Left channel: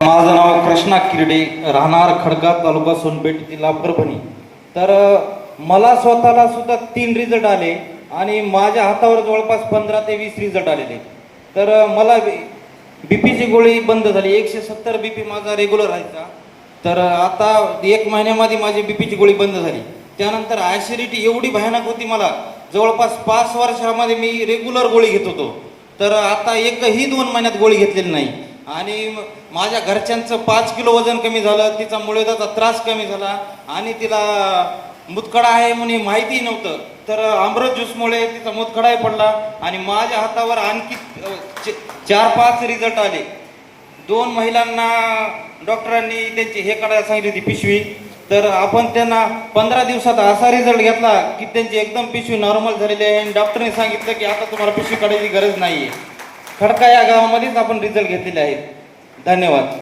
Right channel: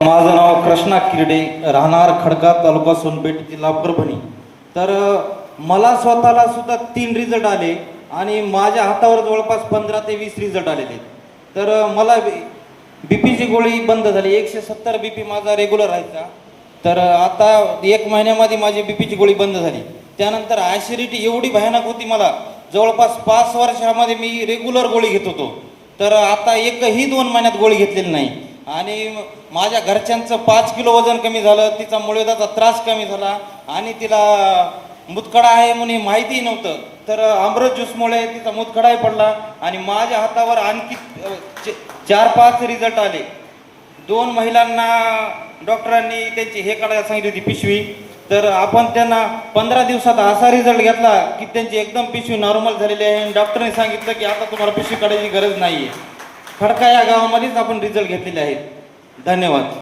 माझं नाव कृष्णा किर्डे, राहणार खडका, तालुका सोनपेठ, जिल्हा परभणी. तर मला स्वतःला सुद्धा 3 रिझल्ट आले आणि माझ्या हातावर जवळपास 15 ते 20 रिझल्ट आलेले. तर मला बीपीची गोळी बंद झाली. 170 बीपी माझा रेग्युलर राहायचा. तर आता 1 महिन्यामध्ये माझी बीपीची गोळी बंद झाली. त्यानंतर ॲसिडिटी एवढी भयानक होती, मला जवळपास 5 वर्षामध्ये मी रेग्युलर गोळी घेत होतो. तर आता एकही 2 महिन्यात गोळी घेतलेली नाही. आणि माझ्या घरच्यांचं 5 किलो वजन कमी झालं, तिचा मुळव्याधाचा त्रास कमी झाला आणि तिला मुतखडा आहे म्हणून माहिती नव्हतं. तर अमृत ज्यूसमुळे तिचा मुतखडाही पडला आणि माझ्या हातावर आणखी 4-5 रिझल्ट आले. 2 महिलांना डॉक्टरांनी त्यांची हे काढायला सांगितली होती, पिशवी. तर आपण त्यांना 15 दिवसात असा रिझल्ट घेतला की त्यांची एकदम पिशवी नॉर्मल झालेली आहे आणि डॉक्टरने सांगितलं की आता तुम्हाला पिशवी काढायची गरज नाही आहे. खडका या गावामध्येच आपण रिझल्ट घेतलेले आहेत. धन्यवाद.